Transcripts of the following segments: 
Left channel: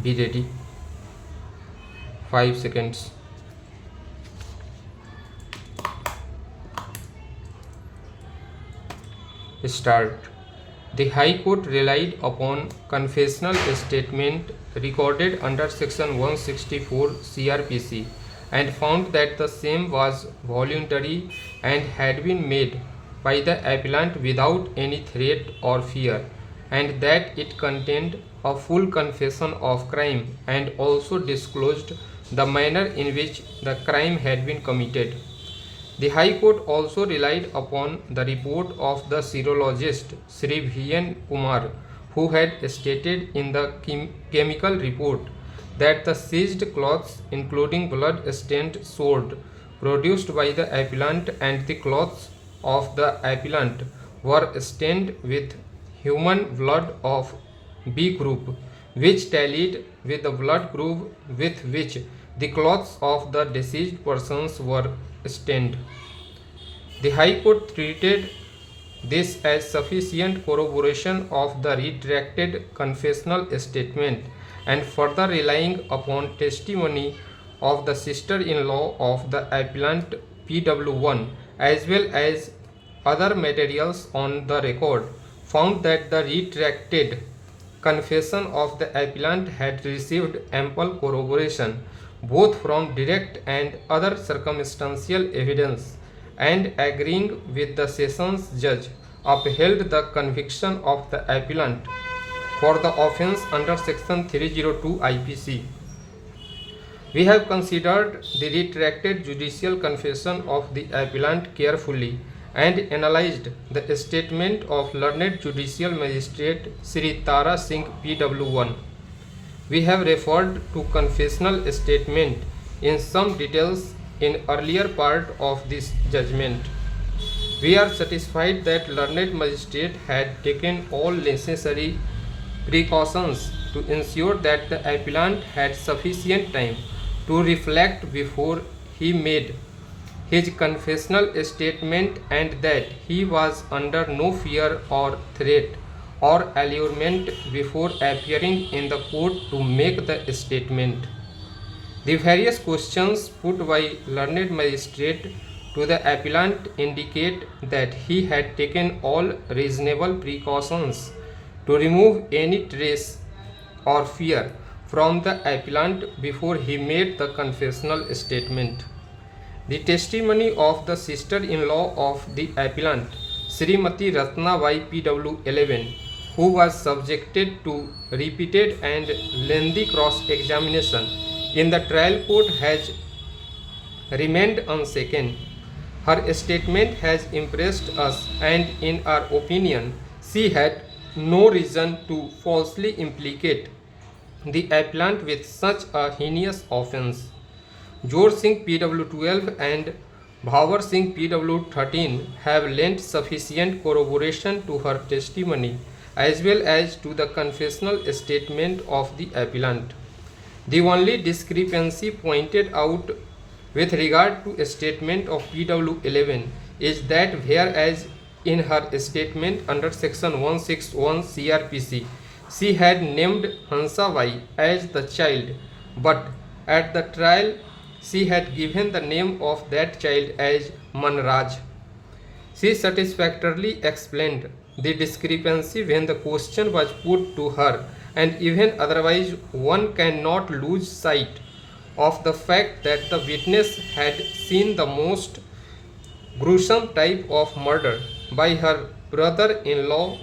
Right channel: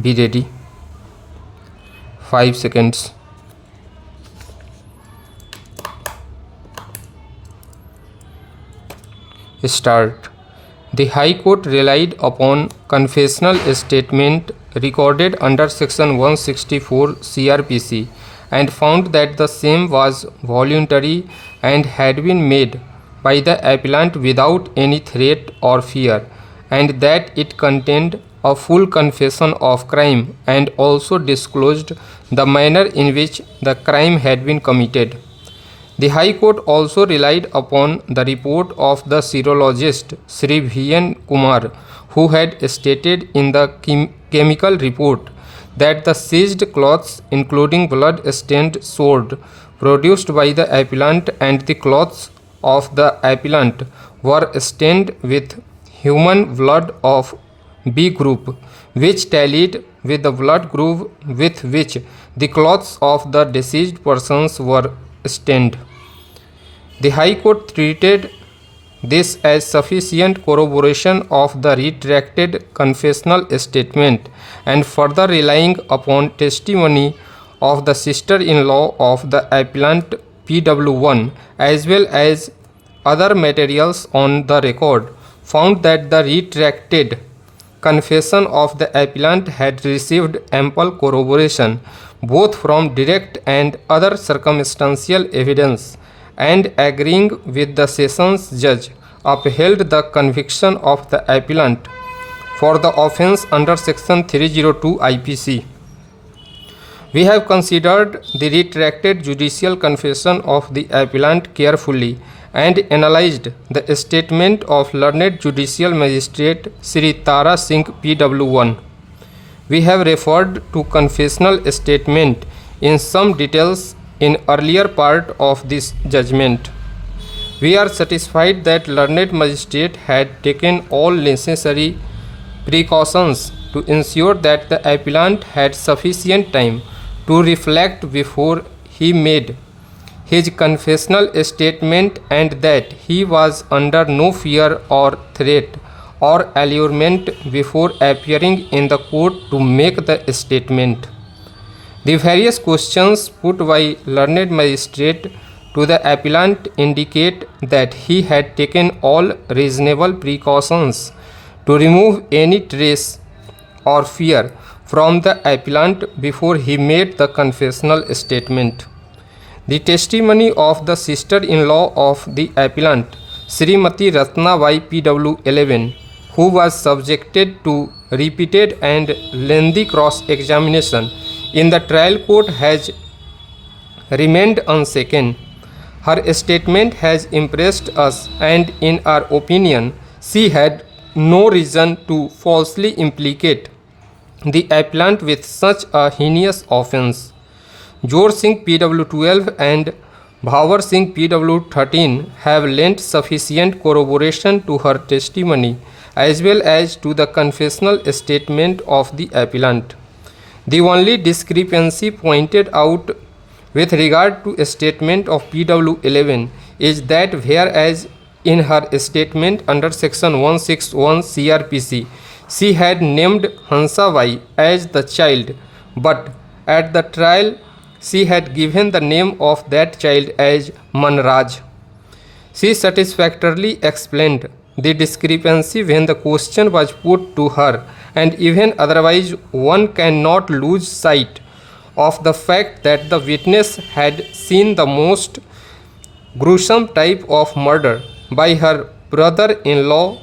Be ready. 5 seconds. Start. The High Court relied upon confessional statement recorded under Section 164 CRPC and found that the same was voluntary and had been made by the appellant without any threat or fear, and that it contained a full confession of crime and also disclosed the manner in which the crime had been committed. The High Court also relied upon the report of the serologist Sri V.N. Kumar, who had stated in the chemical report that the seized clothes, including blood-stained sword produced by the appellant and the clothes of the appellant, were stained with human blood of B group, which tallied with the blood group with which the clothes of the deceased persons were stained. The High Court treated this as sufficient corroboration of the retracted confessional statement, and further relying upon testimony of the sister-in-law of the appellant PW1 as well as other materials on the record, found that the retracted confession of the appellant had received ample corroboration both from direct and other circumstantial evidence, and agreeing with the sessions judge, upheld the conviction of the appellant for the offence under Section 302 IPC. We have considered the retracted judicial confession of the appellant carefully and analyzed the statement of learned judicial magistrate Sri Tara Singh PW1. We have referred to confessional statement in some details in earlier part of this judgment. We are satisfied that learned magistrate had taken all necessary precautions to ensure that the appellant had sufficient time to reflect before he made his confessional statement, and that he was under no fear or threat or allurement before appearing in the court to make the statement. The various questions put by learned magistrate to the appellant indicate that he had taken all reasonable precautions to remove any trace or fear from the appellant before he made the confessional statement. The testimony of the sister-in-law of the appellant, Srimati Ratnabai PW11, who was subjected to repeated and lengthy cross-examination in the trial court, has remained unshaken. Her statement has impressed us, and in our opinion, she had no reason to falsely implicate the appellant with such a heinous offence. Jor Singh PW12 and Bhavar Singh PW13 have lent sufficient corroboration to her testimony as well as to the confessional statement of the appellant. The only discrepancy pointed out with regard to a statement of PW11 is that whereas in her statement under Section 161 CRPC she had named Hansa Bai as the child, but at the trial she had given the name of that child as Manraj. She satisfactorily explained the discrepancy when the question was put to her, and even otherwise one cannot lose sight of the fact that the witness had seen the most gruesome type of murder by her brother-in-law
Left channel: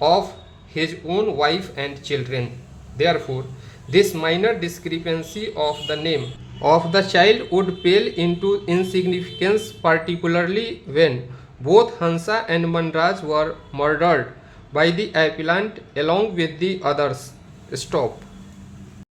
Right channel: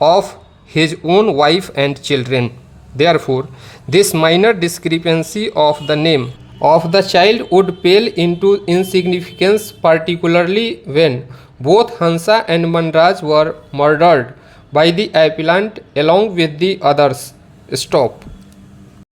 of his own wife and children. Therefore, this minor discrepancy of the name of the child would pale into insignificance, particularly when both Hansa and Manraj were murdered by the appellant along with the others. Stop.